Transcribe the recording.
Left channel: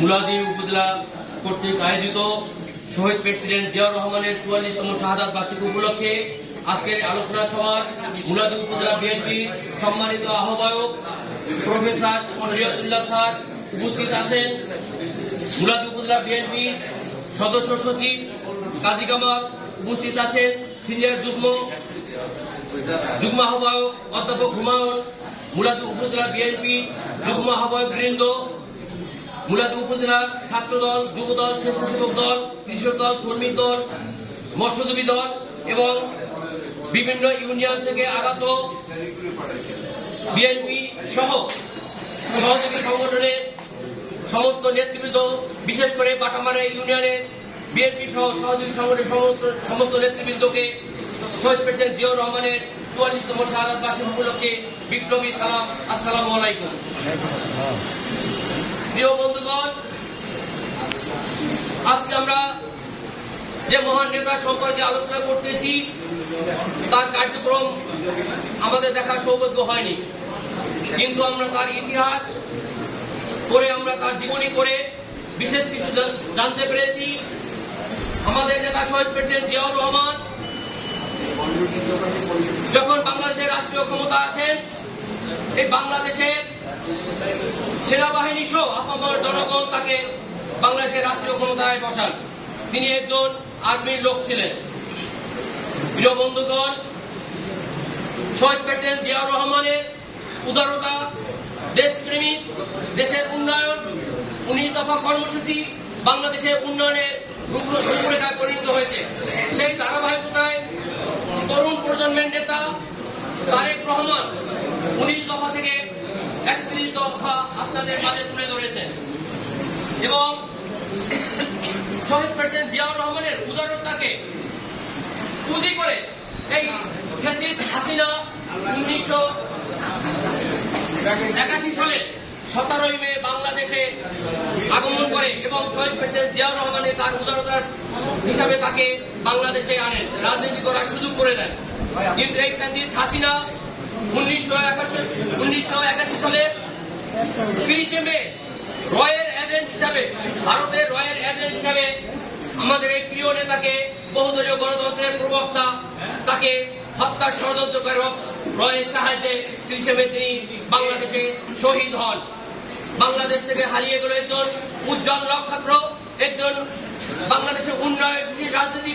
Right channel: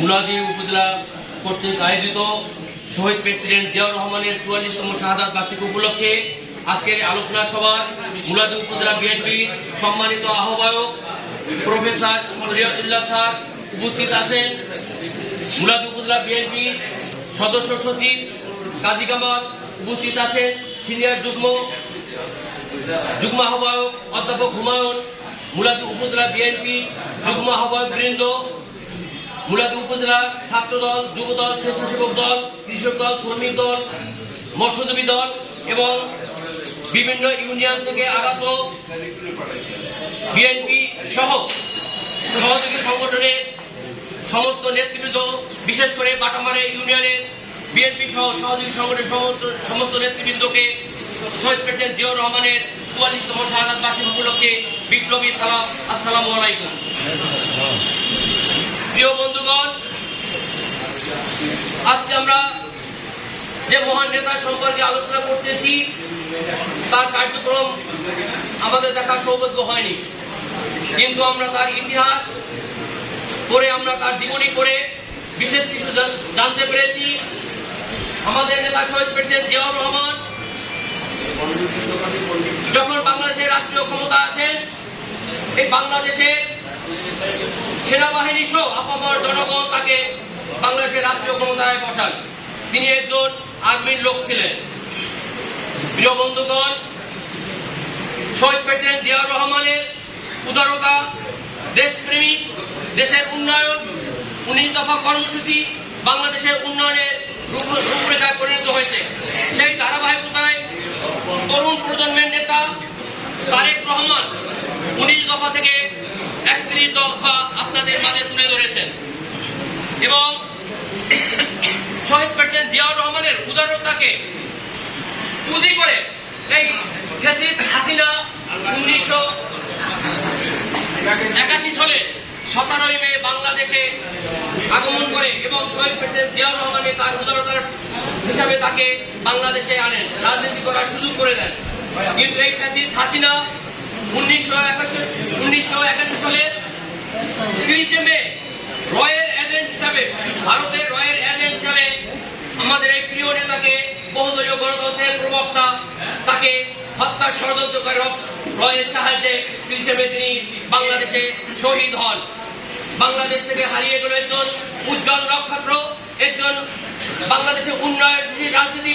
মুলাদি উপজেলা কর্তৃক আয়োজিত শহীদ প্রেসিডেন্ট জিয়াউর রহমানের ৪৪তম শাহাদাত বার্ষিকী উপলক্ষে আজকের আলোচনা সভার মুলাদি উপজেলা বিএনপির সম্মানিত আহ্বায়ক প্রফেসর রিয়াজুল্লাহ স্যার উপস্থিত আছেন। মুলাদি উপজেলা বিএনপির সদস্য সচিব কাজী কামাল উপস্থিত আছেন। সিনিয়র যুগ্ম আহ্বায়ক অধ্যাপক হুমায়ুন, মুলাদি উপজেলা বিএনপি যুগ্ম আহ্বায়ক বৃন্দ, মুলাদি উপজেলা ছাত্র দল, যুব দল, স্বেচ্ছাসেবক দল, কৃষক দল, শ্রমিক দল, মৎস্যজীবী দল এবং বিভিন্ন ইউনিয়ন থেকে আগত বিএনপি সহ সহযোগী সংগঠনের সমস্ত নেতৃবৃন্দ, বিশেষ করে বাটামারে ইউনিয়নের বিএনপি সহ সহযোগী সংগঠনের সমস্ত নেতৃবৃন্দকে শহীদ প্রেসিডেন্ট জিয়াউর রহমানের ৪৪তম শাহাদাত বার্ষিকী উপলক্ষে বিপ্লবী সালাম। আসসালামু আলাইকুম। প্রিয় বন্ধুগণ, আজকে আমরা যে মহান নেতা সম্পর্কে আলোচনা করতেছি তার কার্যক্রম আমাদের দেখার সৌভাগ্য হয়নি, কিন্তু আমরা তার ইতিহাস পড়ে, আমরা তার জীবনী পড়ে বিশেষ কিছু জানতে পেরেছি। আমাদের নেতা শহীদ প্রেসিডেন্ট জিয়াউর রহমান যখন বাংলাদেশের রাষ্ট্রীয় ক্ষমতা আসেন, এই বাংলাদেশের সেনাবাহিনী সহ আপামর জনগণ তাকে বাংলাদেশের রাষ্ট্রীয় ক্ষমতায় বসান। তিনি একজন আর্মির লোক ছিলেন। প্রিয় বন্ধুগণ, শহীদ প্রেসিডেন্ট জিয়াউর রহমানের উদারতা, দেশপ্রেমিক, দেশের উন্নয়ন, ১৯ দফা কর্মসূচি বাংলাদেশের উন্নয়নের রূপরেখায় পরিণত হয়েছে। সেই ধারাবাহিকতায় তরুণ প্রজন্মের নেতা তারেক রহমান ১৯ দফা থেকে ৩১ দফা আপনাদের মাঝে তুলে ধরেছেন এবং শহীদ প্রেসিডেন্ট জিয়াউর রহমানের উদারতাকে পুঁজি করে এই ফ্যাসিস্ট হাসিনা ১৯৮১ সালে ১৭ই মে বাংলাদেশে আগমন করে এবং শহীদ প্রেসিডেন্ট জিয়াউর রহমানের তার উদারতার হিসাবে তাকে বাংলাদেশে আনেন, রাজনীতি করার সুযোগ করে দেন। কিন্তু এই ফ্যাসিস্ট হাসিনা ১৯৮১ সালে ৩০ মে রয়ের এজেন্ট হিসাবে, ভারতের রয়ের এজেন্ট হিসাবে আমাদের এই প্রিয় নেতাকে, বহুদলীয় গণতন্ত্রের প্রবক্তা, তাকে হত্যার ষড়যন্ত্র করে রয়ের সাহায্যে ৩০ মে তিনি বাংলাদেশে শহীদ হন। বাংলাদেশ থেকে হারিয়ে গেল একজন উজ্জ্বল নক্ষত্র, একজন বাংলাদেশের উন্নয়ন রাজনীতি